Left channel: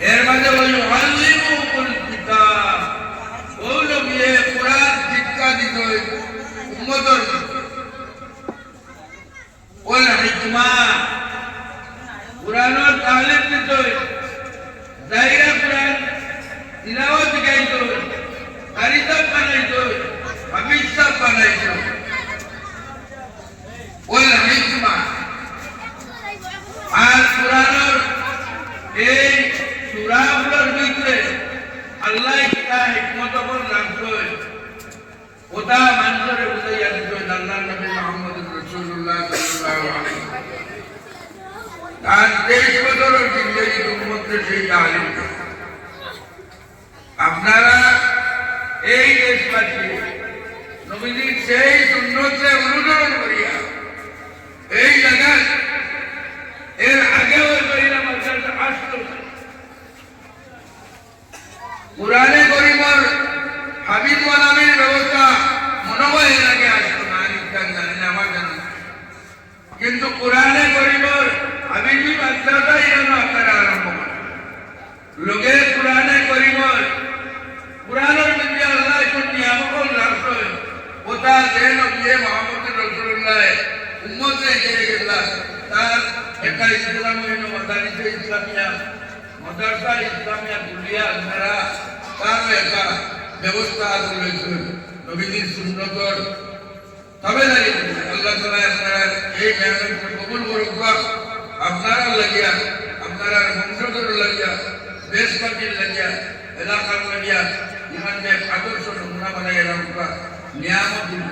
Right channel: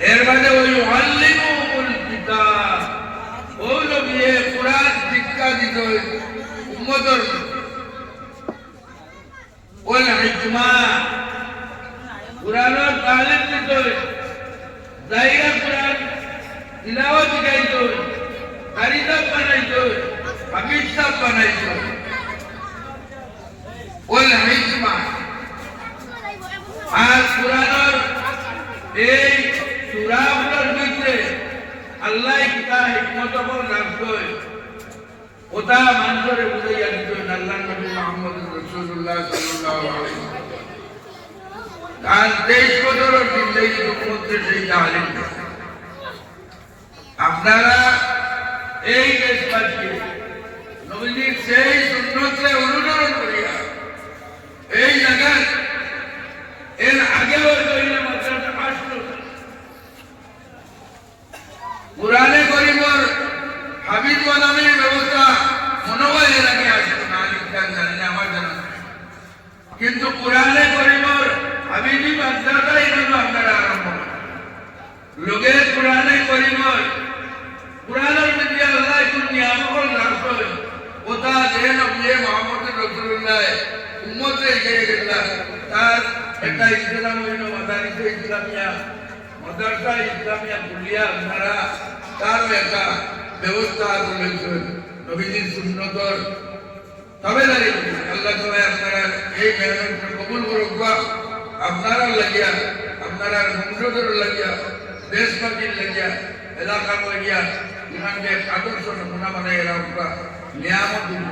এর মাঝে ওই ওয়াল্লিমুল কিতাব ওই নবিয়ে কোরআন শিক্ষা দিত উম্মতর ওয়াল হিকমা কোরআনের তালিম দিত জায়গা কোরআন তিলাওয়াত গাইত কারিতা বানাইত হামিদ সাহেব বানাইত ওয়াল হিকমা আর কোরআনের এই সূরাগুলোর ভিতরে আল্লাহ কিতা হিকমত বল রাখছয় ওটা মানুষের বুঝাইয়া দিত আল্লাহ নবী মুহাম্মদ রাসূলুল্লাহ সাল্লাল্লাহু আলাইহি আর 23 বছরের জিন্দেগি উম্মতের সেই তালিম আপনারা এই দেশটাকে নবীজির সেই সুন্নতে অনুসরণ করিয়া এই জায়গা এর আগে ওই করিনা মাদ্রাসা আসলো কোরআনে করিমর হাবিব মালামির ব্যবস্থা মনে হয় এর আগে আসলো না নিতান জানেন আমার জানা কিন্তু কোরআনে করিমর হাবিবি মাদ্রাসা এরকম আপনারা আরম্ভ লোকে কোরআনে করিমর কোরআনের মধ্যে আল্লাহ কোন নিয়ামত রাখছে ওটা যেন নবী মুহাম্মদ রাসূলুল্লাহ উম্মতে দিয়ে গেল তার একটা ইসলাম হইল মাদারিসে ইসলামিয়া মাদ্রাসা ইসলামিয়া কুলিয়া আপনারা তার একটা ব্যবস্থা রয়েছে নবীজির সুন্নতর তাবেদারি আল্লাহ তাআলা আপনারা এই মেহনতকে কবুল করুক আপনারা লাগিয়া আপনারা মন্ত্রদের লাগিয়া দেশবাসীর লাগিয়া এলাকার লাগিয়া এখানকে আদর্শ নমুনা বানাই রাখা নিয়ামত দিন